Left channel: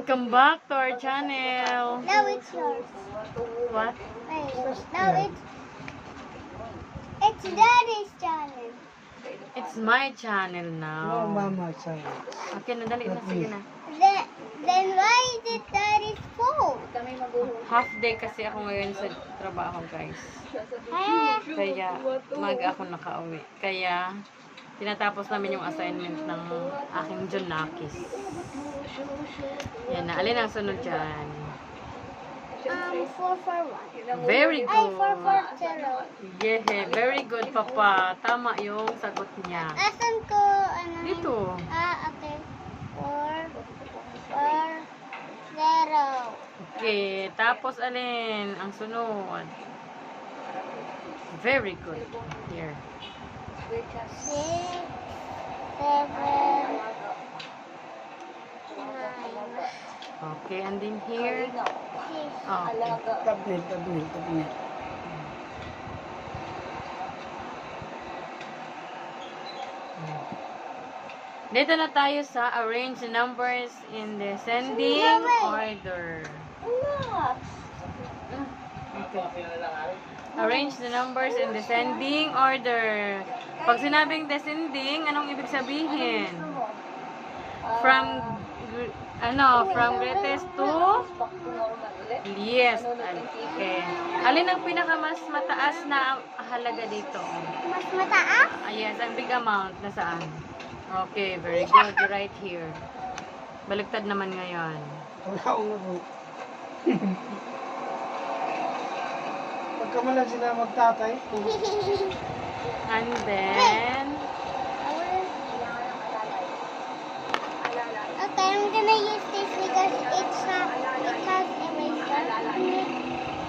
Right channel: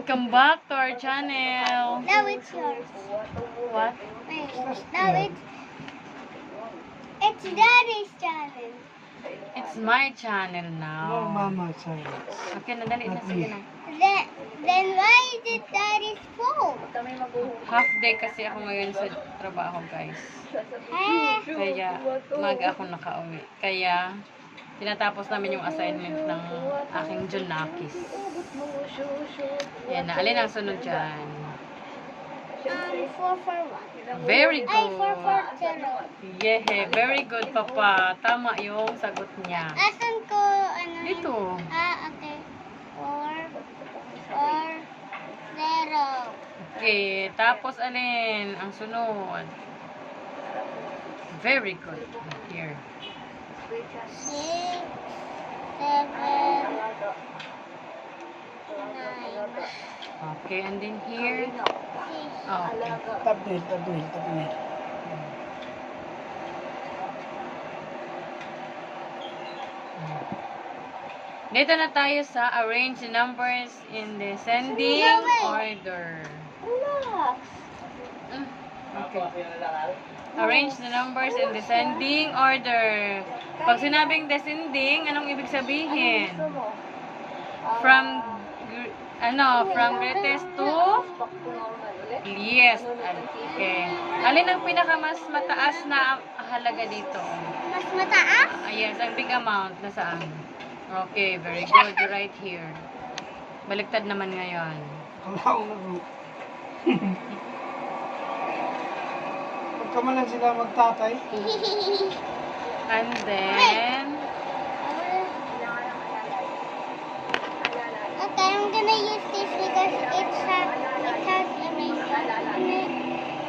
Welcome back to our channel. Now it's yours. What? Wait, now it's it's Daddy's channel. It's my channel now. mama child. Okay na, dali na, sige na. Then then why is it Daddy's phone? Half day kasi ako ngayon sa trabaho, guys. Kaya, mag ako nakauwi. Kaya, tinatapos namin yung assignment ng aking Junakis. Yan na, alin ang sunod dyan? um, four for one. Very Ay, four for good. zero. Yeah, very good, Papa. Tama yung sagot niya. Asan ko, ano? Dito. Ah, okay. Four, four, zero. Okay, tapos alin ang sunod? Very good. Here. Six, seven, nine, Okay, and then here. six. Oh, okay. Tabnil, tabnil, tabnil. Dito na tayo sa arrange the numbers in descending No way. order. Look. Mm, Okay. Arrange the numbers in descending order. Pag sinabing descending, anong ibig sabihin? From ano, from greatest to least. Okay. Alin ang pinakamas mataas na halaga dito? Mas mataas? Ah, yes, ang big amount. Nasaan? Okay, very good. Right here. Baliktad naman ngayon. ako. Huwag ka man lang sila magtatay. And then, Okay, I'm gonna use this because it's a, it has eraser.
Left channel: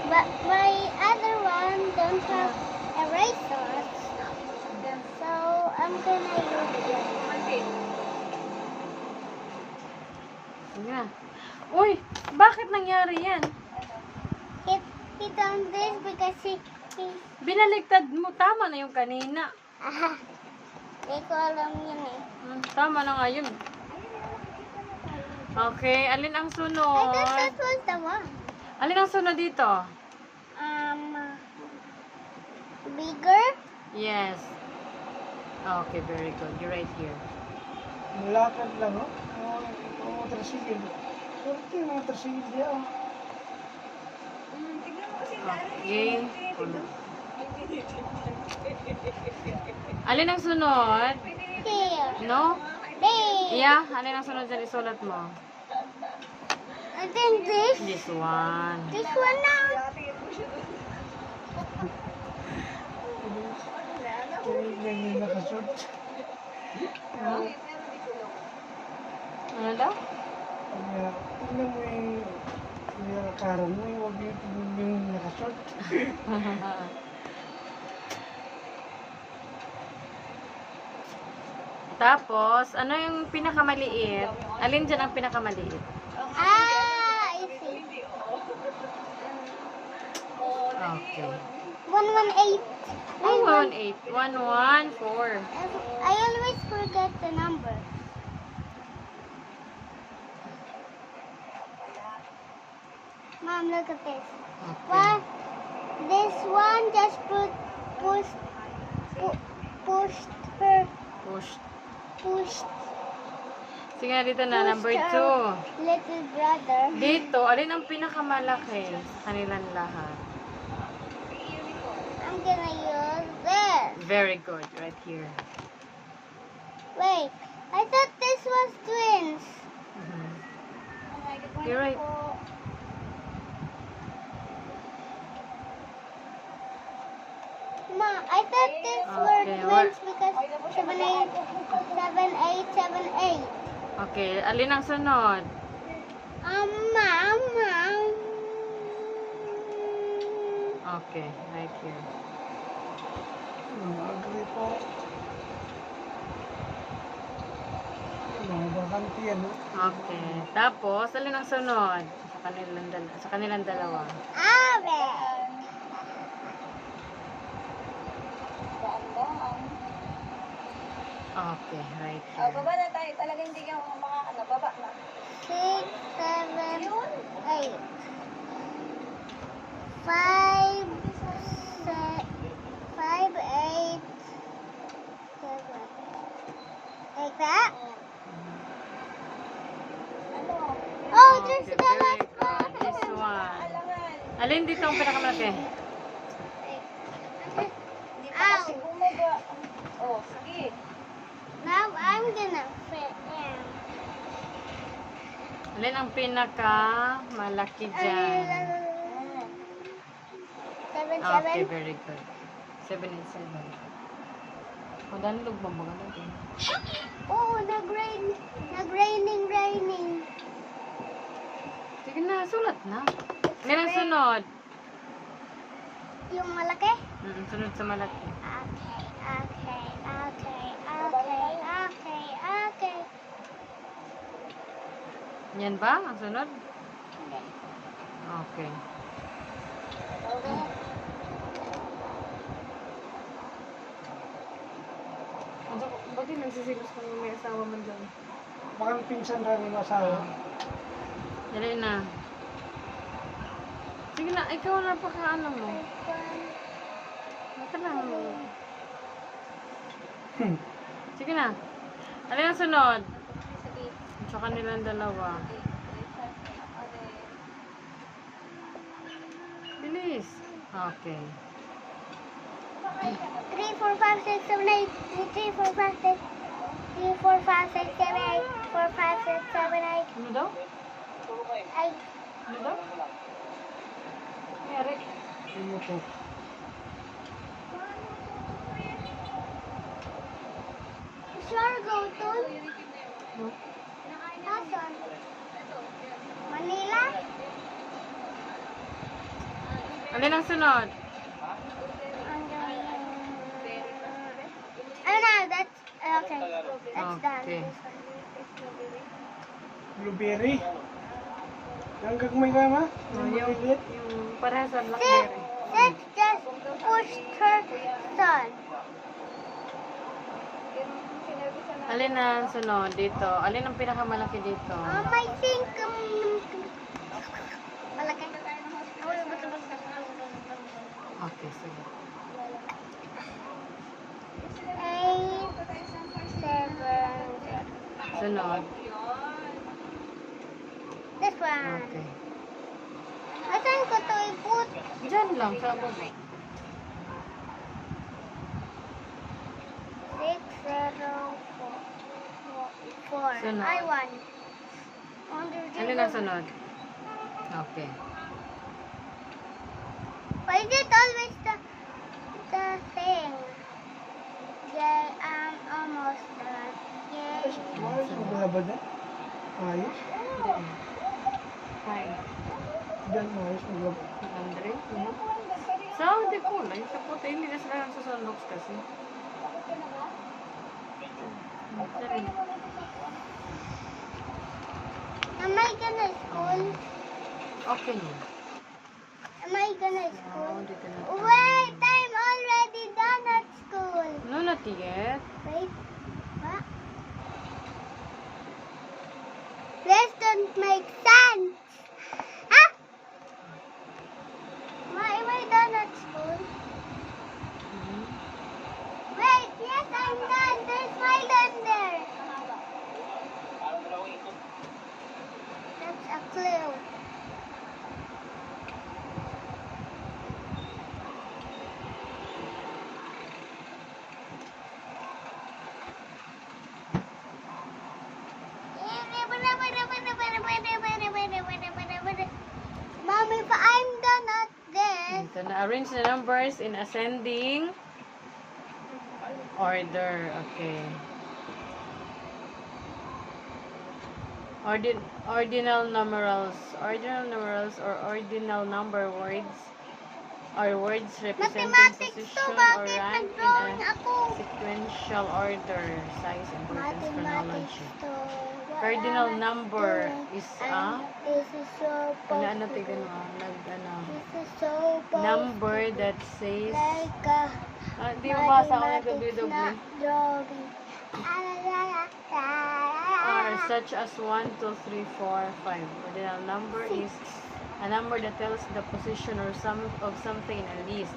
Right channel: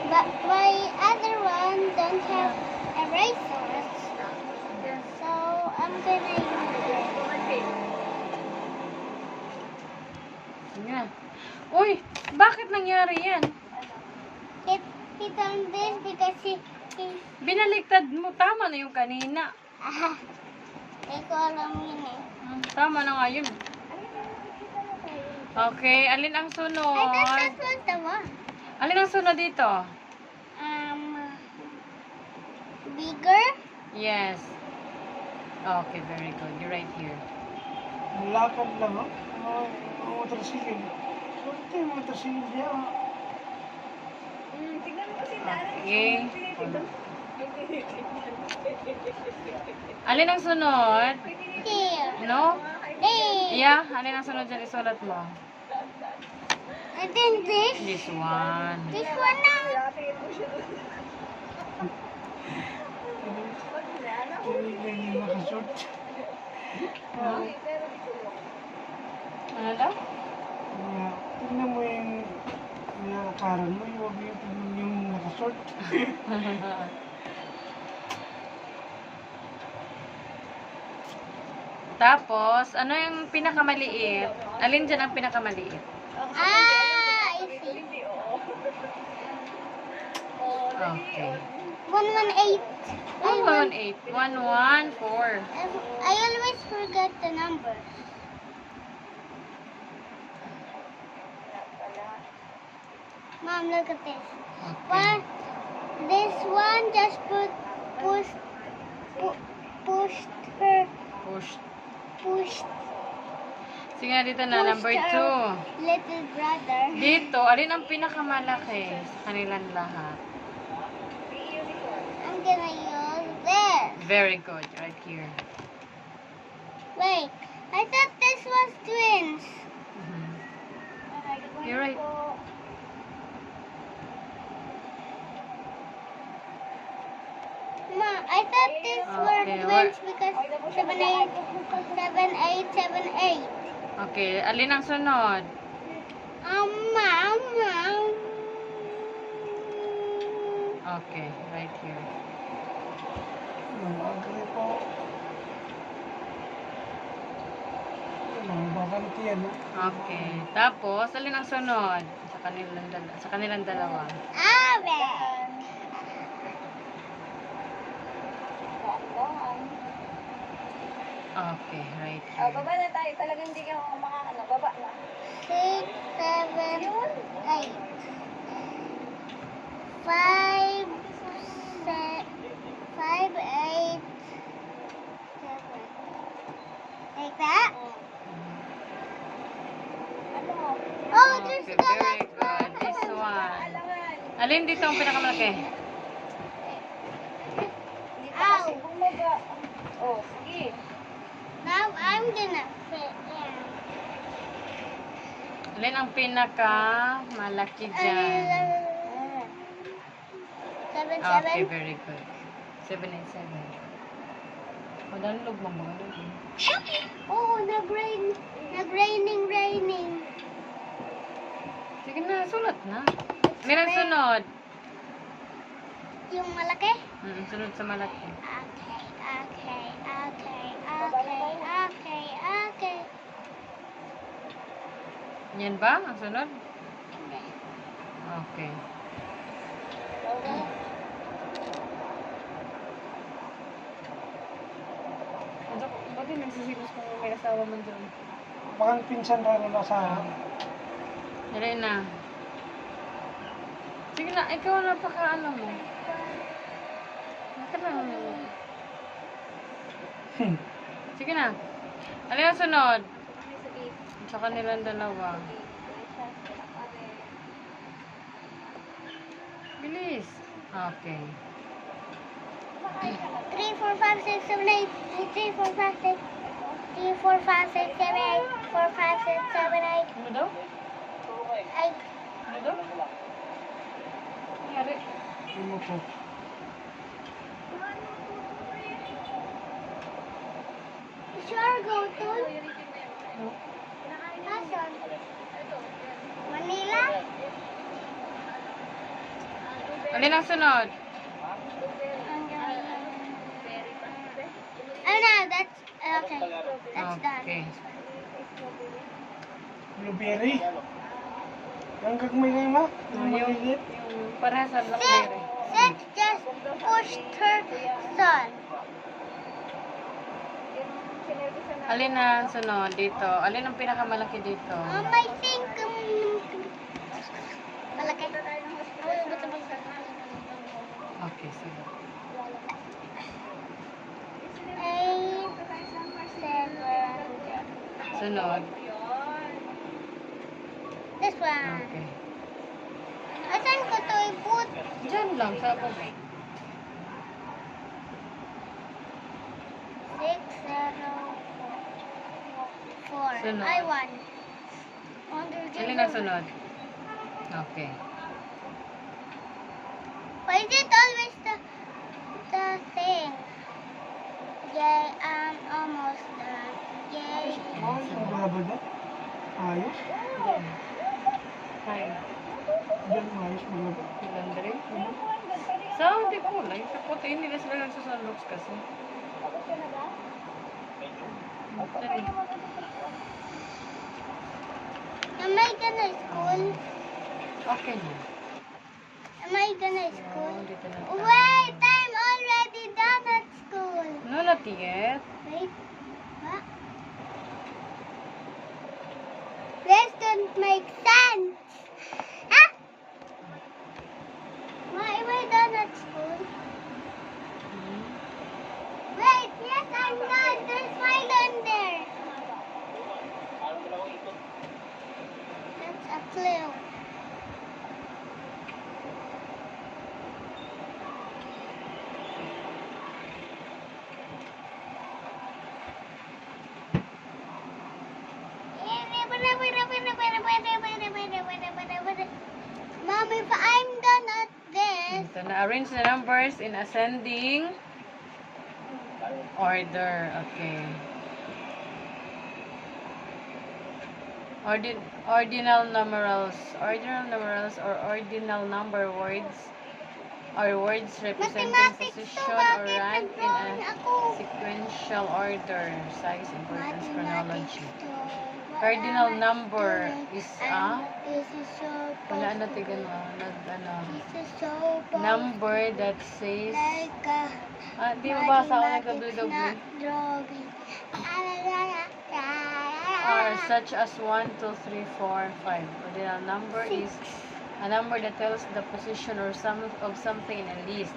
But my other one don't have erasers. So I'm gonna use it. yeah. Uy, bakit nangyari yan? He done this because he, he Binaliktad mo. Tama na yung kanina. ah, hindi ko alam yun eh. Hmm, tama na nga yun. Okay, alin ang I sunod? thought that was the one. Alin ang sunod dito? Um, bigger? Yes. Okay, very good. You're right here. Malakad lang, ha? Mga mga. Ito yung motorsikil niya, ah. Okay. Alin ang sunod? Here. No? There. Yeah, alin ang sunod dyan? Isulat mo. And then this. This one. This one now. Ano daw? Kaya, tingnan mo yung yung akaran mo, yung yung. Tapos, ano yung pinakamaliit? Alin dyan ang pinakamaliit? Ah, I see. Okay. 118. I, Oh, want, 1, 8. 1, 1, 4. I always forget the number. Mom, look at this. One, this one just put pushed pu, pushed her Push. pushed Sige na dito na, number pushed 2. her little brother. Dito, alin ang pinakamalaki sa kanilang lahat? I'm gonna use this. Very good, right here. Wait, I thought this was twins. Mhm. You're right. Ma, I thought these were twins because seven eight, seven eight, seven eight. Okay, alin ang sunod? Um, mama. Okay, right here. Agree po. Bakanti, ano? Okay. Tapos, alin ang sunod? Sa kanilang, dala- sa kanilang dalawa. Oven. Okay, right Oh, here. baba na tayo. Talagang hindi ka makakano. Baba na. Six, seven, seven, eight. Five, se- five, eight, seven. Like that? Oh, there's the last good. This one. one. Alin dito ang pinakamalaki? Ow. Oh, sige. Now I'm gonna fit in. Alin ang pinaka malaki dyan? Seven, Okay, seven. very good. 787. Madali lugmang mga natin. Oh, nag-rain. Nag-raining, raining. Sige na, sulat na. Ang sunod? Yung malaki? Mm, sunod sa malaki. Okay, okay, okay, okay, okay, okay. Yan ba ang sunod? Okay. Ano, bakit nagsisilos kung may asawa mo doon? Baka pinsan ka ng asawa. Dali na. Sige na, ikaw na paka ano mo. Ito lang mo. Hmm. Sige na. Alin ang sunod? sa kanilang dalawa. Bilis. Okay. 3, 4, 5, 6, 7, 8. 3, 4, 5, 6. 3, 4, 5, 6, 7, 8. 4, 5, 6, 7, 8. Ano 8. Eric. Sure, go to. Alin ang sunod? Oh no, that's okay. That's Okay. done. Blueberry. Yung gagmay ka nga. Yung malilit. Yung parehas blackberry. six just pushed her son. Alin ang sunod dito? Alin ang pinakamalaki dito? Um, I think, um, malaki. Okay, seven, Sunod. this one. Okay. Asan ko to i-put? Diyan lang, sa. Six, zero, four. Four. Sunod. I won. Alin ang sunod? Okay. Why is it always almost done. Yay. Wala ba dyan? Ayos. Diyan. Hi. Ayos. Wala ba? Laundry. Sa hindi ko na. Yung sa puti, hindi na sa sunbox kasi. Sorry. Am I gonna school? Okay na. Am I gonna school? Wait, I'm already done at school. No, not yet. Wait, This don't make sense. Huh? Why am I done at school? Wait, yes, I'm done. There's my gun there. That's a clue. Mom, if I'm done at this, Dito na. Arrange the numbers in ascending order. Okay. Ordin ordinal numerals. Ordinal numerals or ordinal number words are words representing mathematics position or rank in a sequential order, size, importance, chronology. to. Cardinal number is a is so wala ano tigan mo nag ano number that says like a ah, di mo basa ako. Ah, la, are such as 1, 2, 3, 4, 5. Ordinal number is a number that tells the position or some of something in a list,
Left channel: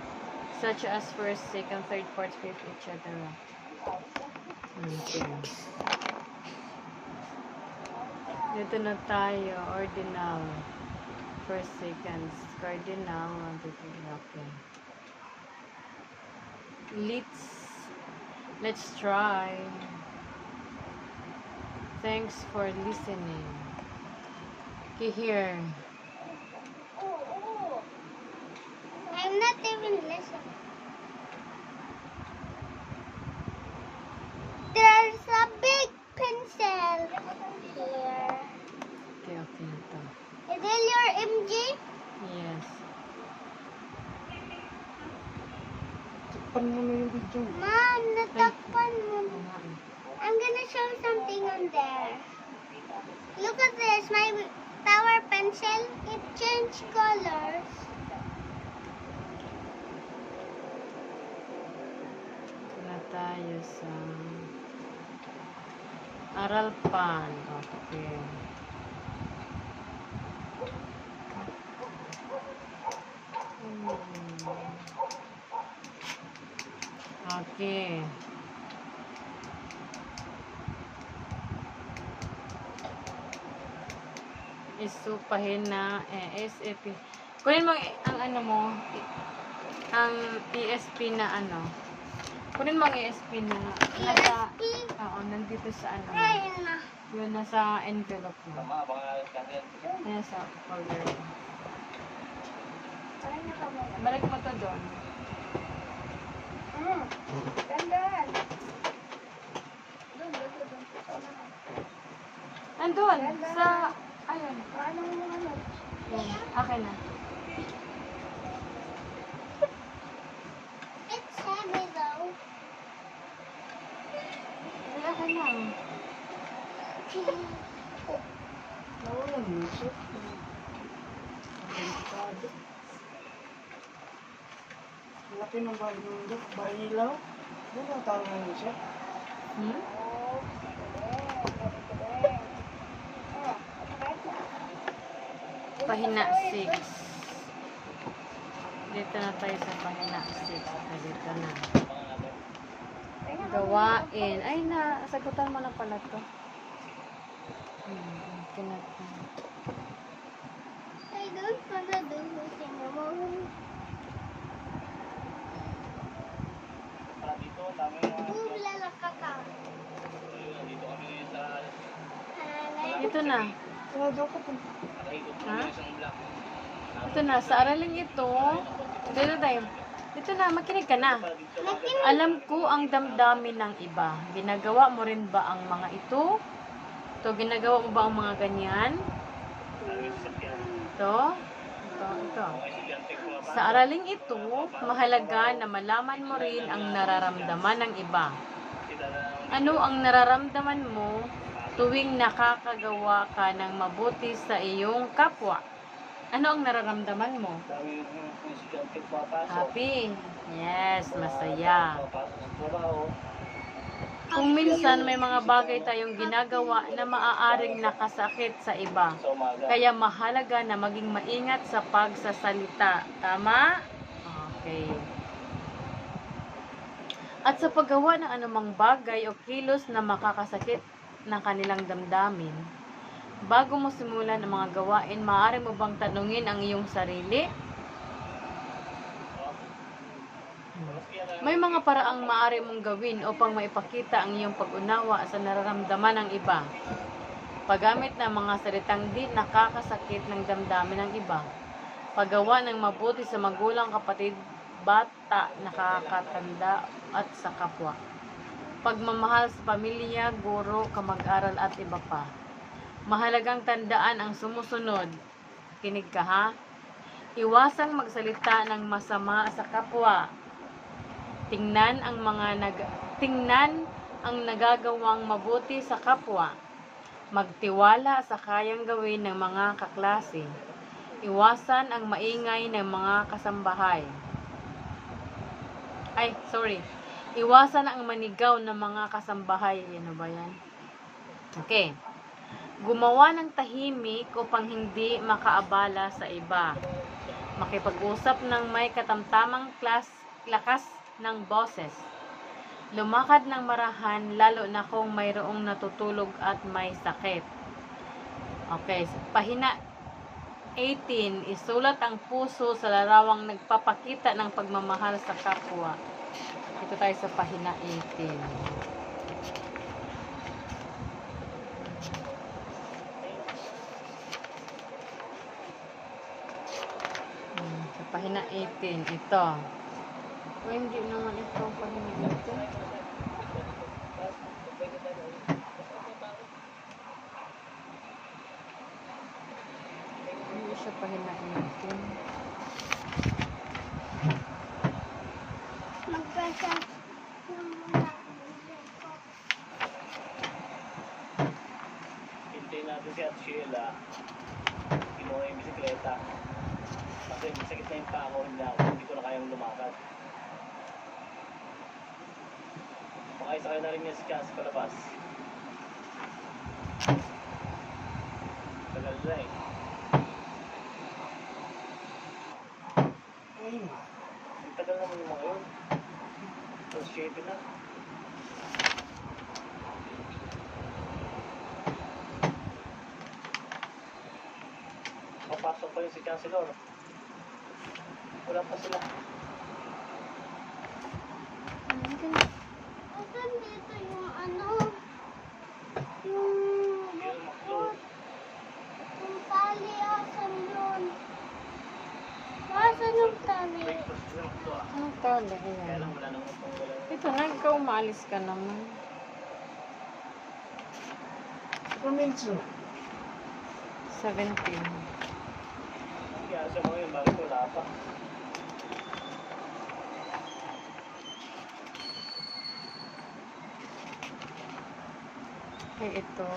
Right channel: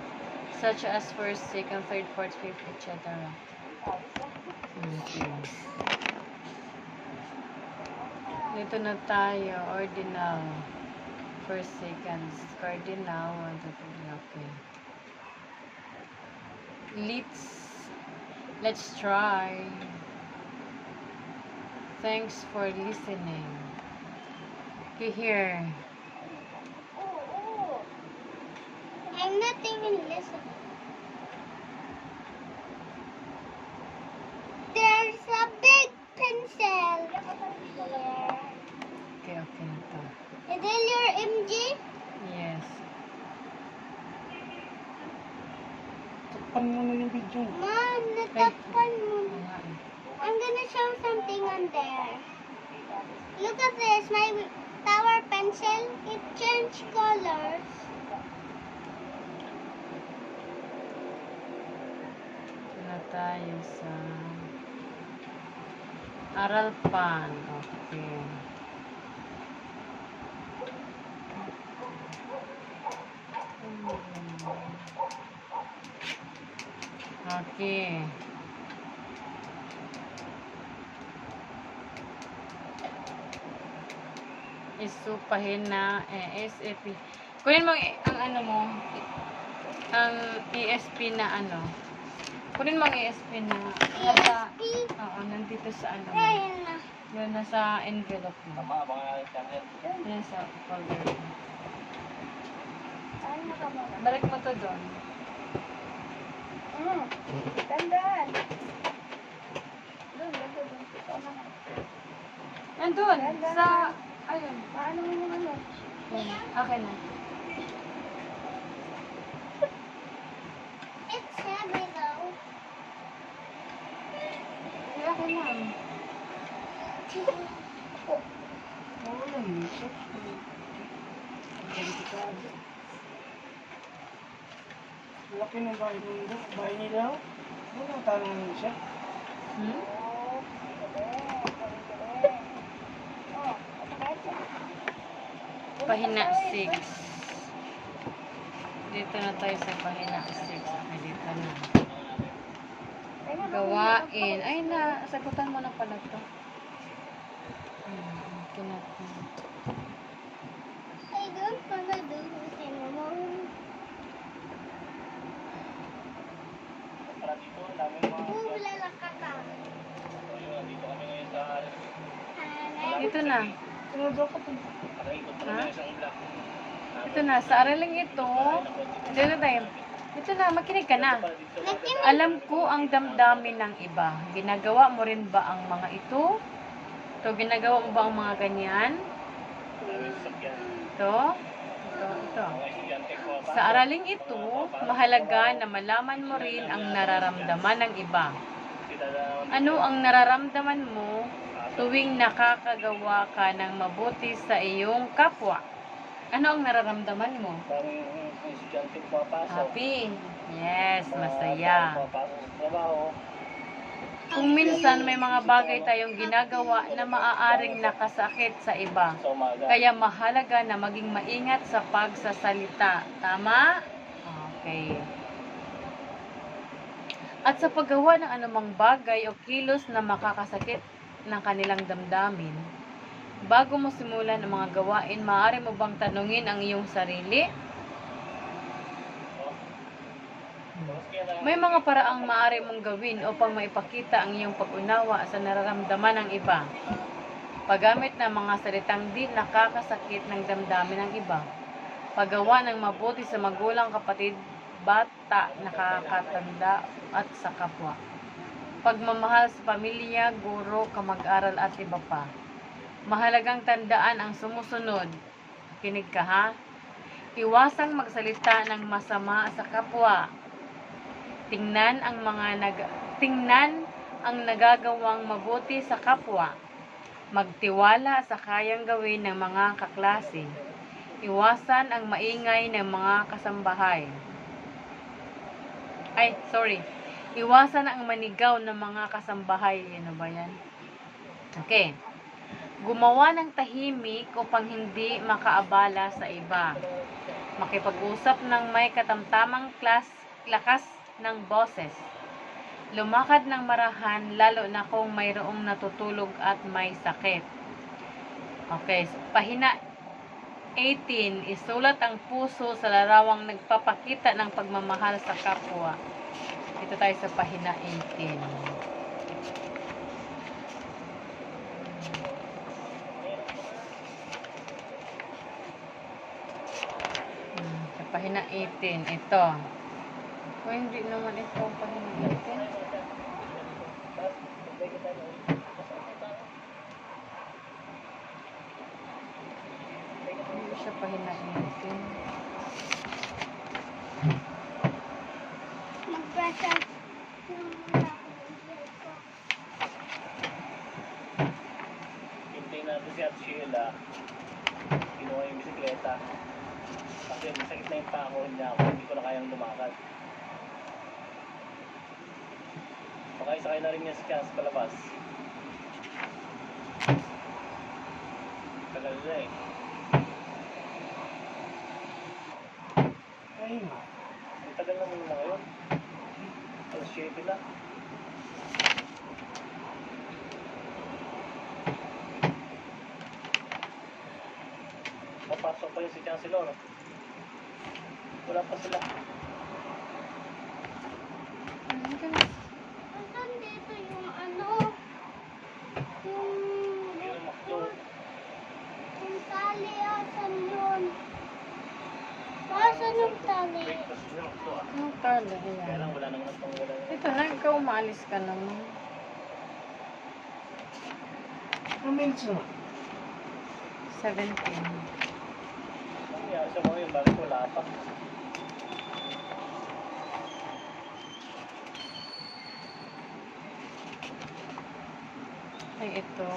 such as first, second, third, fourth, fifth, etc. Okay. Dito na tayo, ordinal. First, second, cardinal, 1, 2, 3, okay. Let's, let's try. Thanks for listening. Okay, here. I'm not even listening. There's a big pencil here. Okay, okay na to. Is it your MG? Yes. Takpan video. Mom, natakpan mo. I'm gonna show something on there. Look at this, my power pencil. It changed colors. Ito na tayo sa Aral Pan. Okay. Okay. Isupahin na eh. Kunin mo ang- ano mo, ang ESP na ano. Kunin mo ang ESP na nasa, oo, nandito sa ano. Ayan na. Yun, nasa envelope mo. Yan sa folder. Ay, nakababa. Balik mo to doon. Tandaan. Doon, doon, doon. Tama na. Nandun, sa, ayun. Paano mo ano? Yan, akin na. It's heavy though. Ay, akin na. Nawala mo siya. Laki ng bahay nila. Bahay nila. Ano mo siya? Hmm? Pahina 6. Dito na tayo sa pahina 6. Dito na. Gawain. Ay, na, sagutan mo na pala to. Hmm, okay na to. I don't wanna do this anymore. Bubla ka ka. Ito na. Ha? Ito na, sa araling ito, dito tayo. Ito na, makinig ka na. Alam ko ang damdamin ng iba. Ginagawa mo rin ba ang mga ito? Ito, ginagawa mo ba ang mga ganyan? Ito? Ito, ito. Sa araling ito, mahalaga na malaman mo rin ang nararamdaman ng iba. Ano ang nararamdaman mo tuwing nakakagawa ka ng mabuti sa iyong kapwa? Ano ang nararamdaman mo? Happy. Yes, masaya. Kung minsan may mga bagay tayong ginagawa na maaaring nakasakit sa iba, kaya mahalaga na maging maingat sa pagsasalita. Tama? Okay. At sa paggawa ng anumang bagay o kilos na makakasakit ng kanilang damdamin, bago mo simulan ang mga gawain, maaari mo bang tanungin ang iyong sarili? May mga paraang maaari mong gawin upang maipakita ang iyong pag-unawa sa nararamdaman ng iba. Paggamit ng mga salitang di nakakasakit ng damdamin ng iba. Paggawa ng mabuti sa magulang, kapatid, bata, nakakatanda at sa kapwa. Pagmamahal sa pamilya, guro, kamag-aral at iba pa. Mahalagang tandaan ang sumusunod. Kinig ka ha? Iwasang magsalita ng masama sa kapwa. Tingnan ang mga nag tingnan ang nagagawang mabuti sa kapwa. Magtiwala sa kayang gawin ng mga kaklase. Iwasan ang maingay ng mga kasambahay. Ay, sorry. Iwasan ang manigaw ng mga kasambahay. Ano ba yan? Okay. Gumawa ng tahimik upang hindi makaabala sa iba. Makipag-usap ng may katamtamang klas, lakas ng boses. Lumakad ng marahan lalo na kung mayroong natutulog at may sakit. Okay, pahina 18. Isulat ang puso sa larawang nagpapakita ng pagmamahal sa kapwa. Dito tayo sa pahina 18. Hmm, pahina 18, ito. O, hindi naman ito ang pahina 18. Hindi siya pahina 18. Mag-pressure yung muna ako ng hair ko. Hintayin natin si Ate Sheila. Kinuha yung bisikleta. Kasi masakit na yung paa ko rin ako. Hindi ko na kayang lumakad. Baka isakay na rin niya si Chance palabas. Tagal na eh. Ayun. Ang tagal naman yung mga yun. Alas 7 na. Papasok pa yung si Chancellor. Wala pa sila. Asan dito yung ano? Yung... Na makdo. Yung tali, asan yun? Asan yung tali? Yung ah. Anong Ayan. lang wala naman ang wala naman. Ito na, ikaw umalis ka naman. Minutes na? 17. Kaya sa mga yun, bakit wala pa? Ay, ito.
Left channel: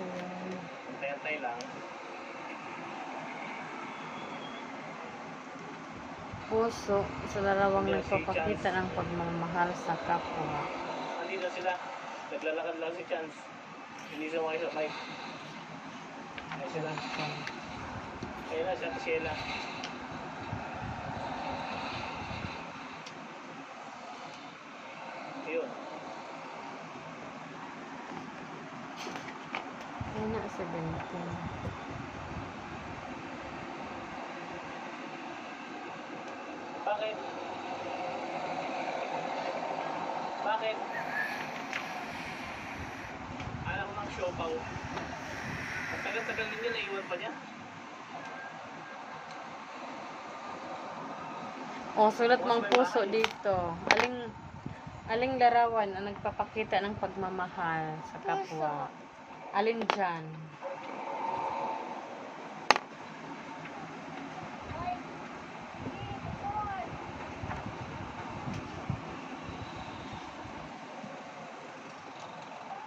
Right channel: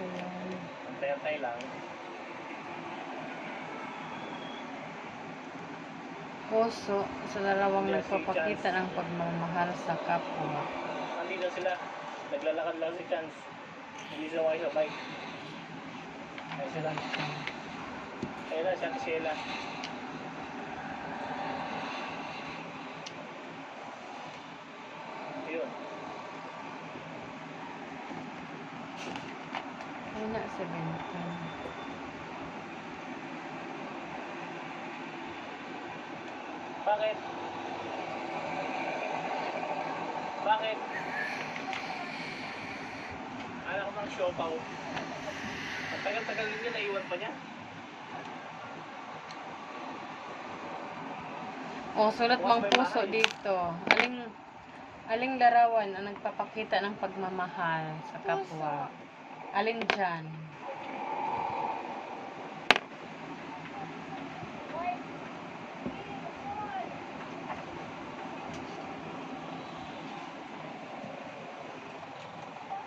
Ayan. Antay-antay lang. Puso sa dalawang nagpapakita ng pagmamahal sa kapwa. Andito sila. Naglalakad lang si Chance. Hindi sila makisabay. Ayan sila. Ayan na si Ate Sheila. Ayun. Ay, na 17. Bakit? Bakit? Alam ko mang show pa oh. Ang tagal-tagal ninyo, naiwan pa niya. O, sulat mang puso dito. Aling, aling larawan ang nagpapakita ng pagmamahal sa kapwa. Alin dyan?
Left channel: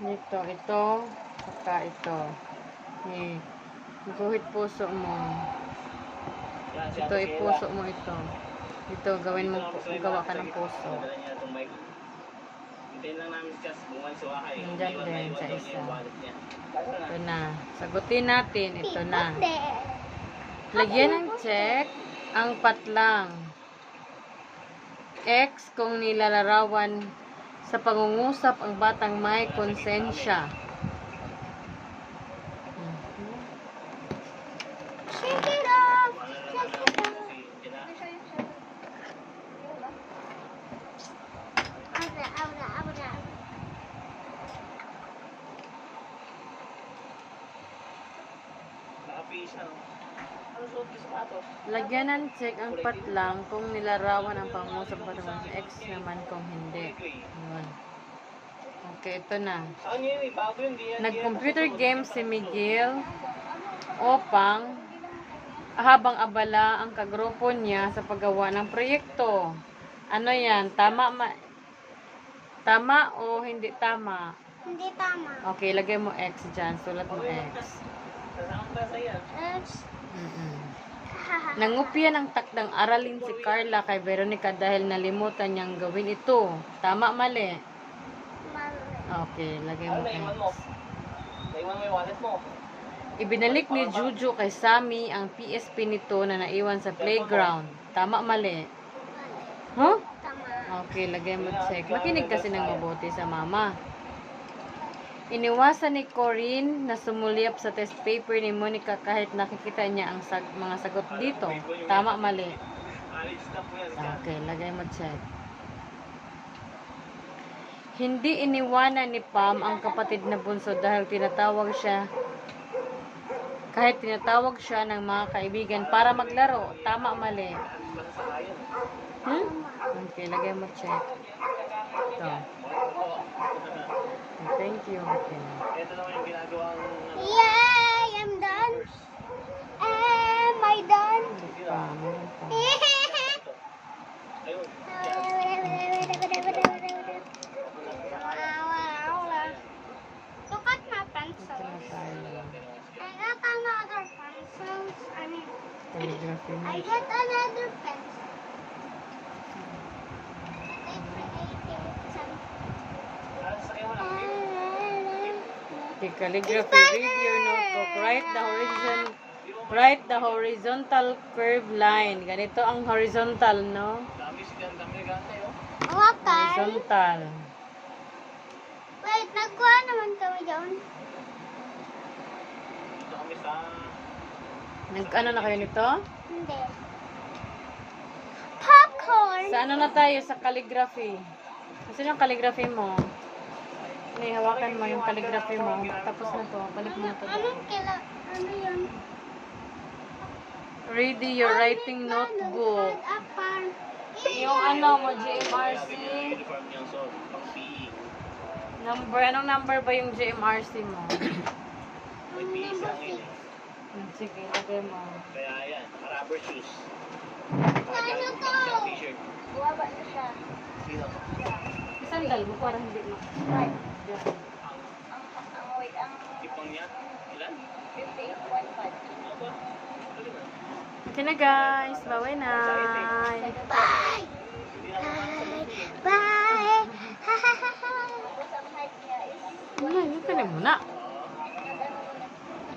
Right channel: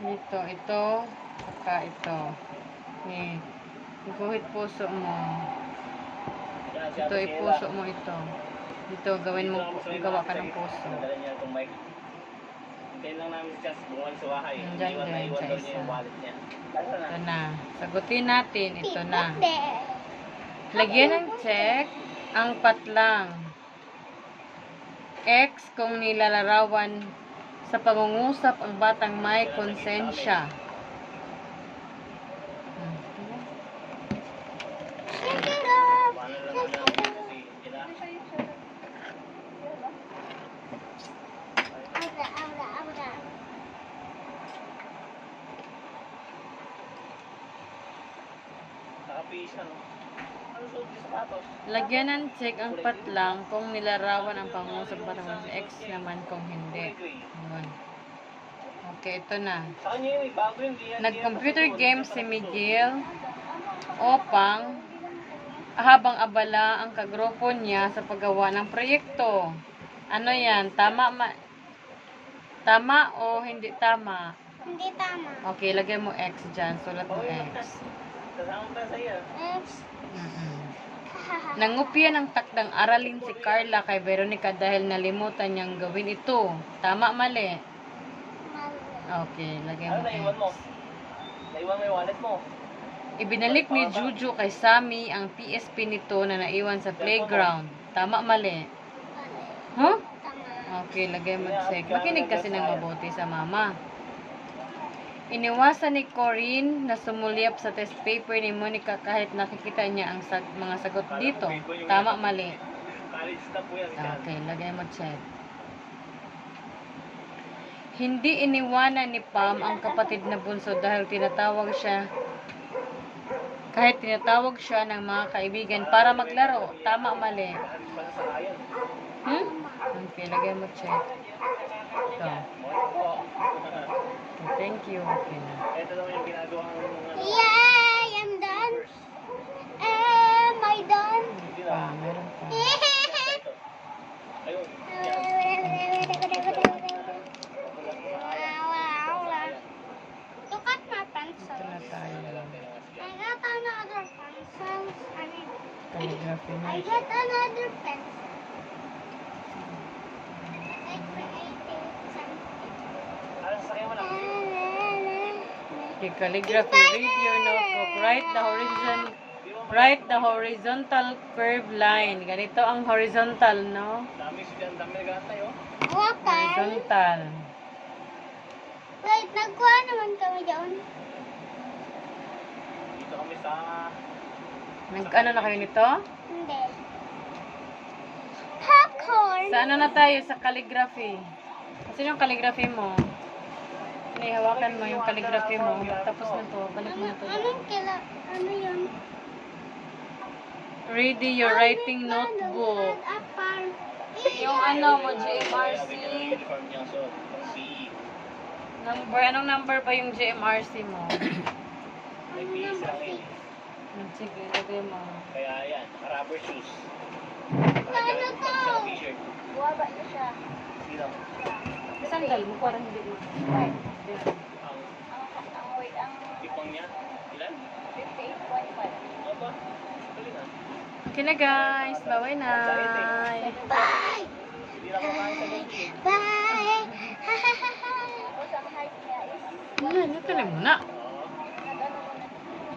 Ito, ito, saka ito. Ni, guhit puso mo. Ito, ipuso mo ito. Ito, gawin mo, gawa ka ng puso. Hintayin lang namin si Chance bumuwan sa wahay. Nandyan Iwan na din iwan sa daw niya yung isa. wallet niya. Ito na. Sagutin natin. Ito na. Hindi. Lagyan ng check ang patlang. X kung nilalarawan sa pangungusap ang batang may konsensya. Hmm. Shake it off! Ano lang Shake namin it ako off! si Tina. Abra, abra, abra. Nakapihis ano. Ano suot yung sapatos? Lagyan ng check ang patlang kung nilarawan ang pangungusap ang batang may X naman kung hindi. Yun. Okay, ito na. Nag-computer game si Miguel upang habang abala ang kagrupo niya sa paggawa ng proyekto. Ano yan? Tama ma Tama o hindi tama? Hindi tama. Okay, lagay mo X dyan. Sulat mo X. X. Nangupya ng takdang aralin si Carla kay Veronica dahil nalimutan niyang gawin ito. Tama, mali. Mali. Okay, lagay Ano mo. naiwan mo? Naiwan mo yung wallet mo. Ibinalik ni Juju kay Sammy ang PSP nito na naiwan sa playground. Tama, mali. Mali. Huh? Tama. Okay, lagay mo check. Makinig kasi ng mabuti sa mama. Iniwasan ni Corinne na sumulyap sa test paper ni Monica kahit nakikita niya ang sag- mga sagot dito. Tama, mali. Okay, lagay mo check. Hindi iniwanan ni Pam ang kapatid na bunso dahil tinatawag siya kahit tinatawag siya ng mga kaibigan para maglaro. Tama, mali. Hmm? Okay, lagay mo check. Ito. Thank you. Okay. Ito naman yung ginagawang ano, Yay! I'm done. Am I done? Ah, na. meron pa. Ayun. I got another pencil. I mean, Calligraphy na. I got another pencil. I created something. Ano sa mo lang? Okay, calligraphy. Read your notebook. Write the horizon Write the horizontal curve line. Ganito ang horizontal, no? Dami si nagantay oh. Hawakan. Horizontal. Wait, nagkuha naman kami doon. Dito kami sa... Nag ano na kayo nito? Hindi. Popcorn. Sa ano na tayo? Sa calligraphy. Kasi yung calligraphy mo. Ano, hawakan mo yung calligraphy mo. Tapos na to. Balik mo Ano, na to. anong kila, ano yun? Ready your writing notebook. Yung ano mo, JMRC. Uniform niya so, pang PE. Number, anong number ba yung JMRC mo? May. Sige, lagay mo. Kaya yan, rubber shoes. Ano to? Buwaba na siya. Sino? Sandal mo, parang hindi mo. Right. Ang Ang, wait, ang ipang niya? Ilan? 58.5. Ano ba? Dali na. Okay na guys. Na. Bye! Na. Bye! Niya is, Ano, yun ka na muna. Ano.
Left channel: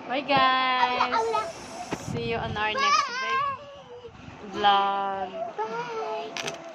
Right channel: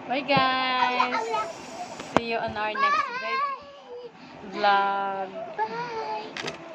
Bye guys. See you on our next vlog. Bye!